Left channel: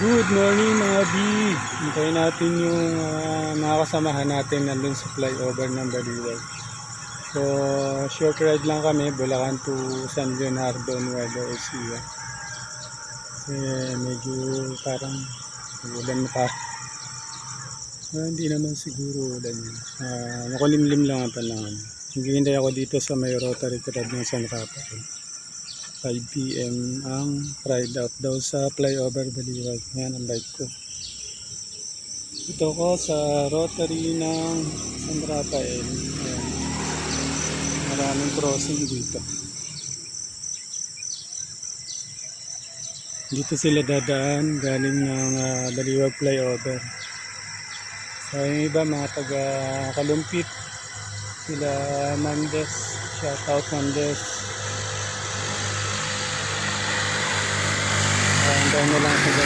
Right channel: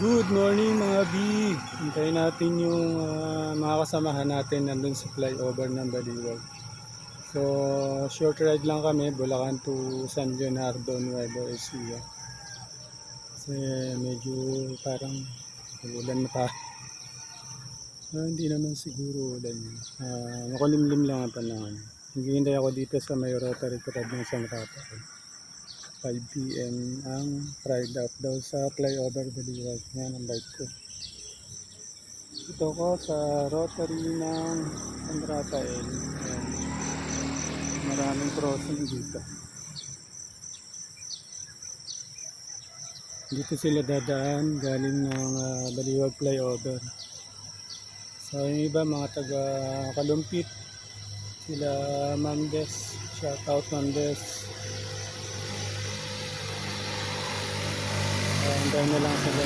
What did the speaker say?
Good morning mga B. Hintayin natin yung mga kasamahan natin nandun sa flyover ng Baliwag. So, short ride lang kami, Bulacan to San Leonardo, Nueva Ecija. Kasi medyo parang ulan pa. Hindi naman siguro ulan yun. Makulimlim lang ang panahon. Naghihintay ako dito sa may Rotary Club ng San Rafael. 5 PM ang ride out daw sa flyover Baliwag. Yan ang bike ko. Ito ko sa Rotary ng San Rafael. Ayan. Maraming crossing dito. Dito sila dadaan galing ng Baliwag flyover. So yung iba mga taga Kalumpit, sila Mandes, shoutout Mandes. Hintay na lang sila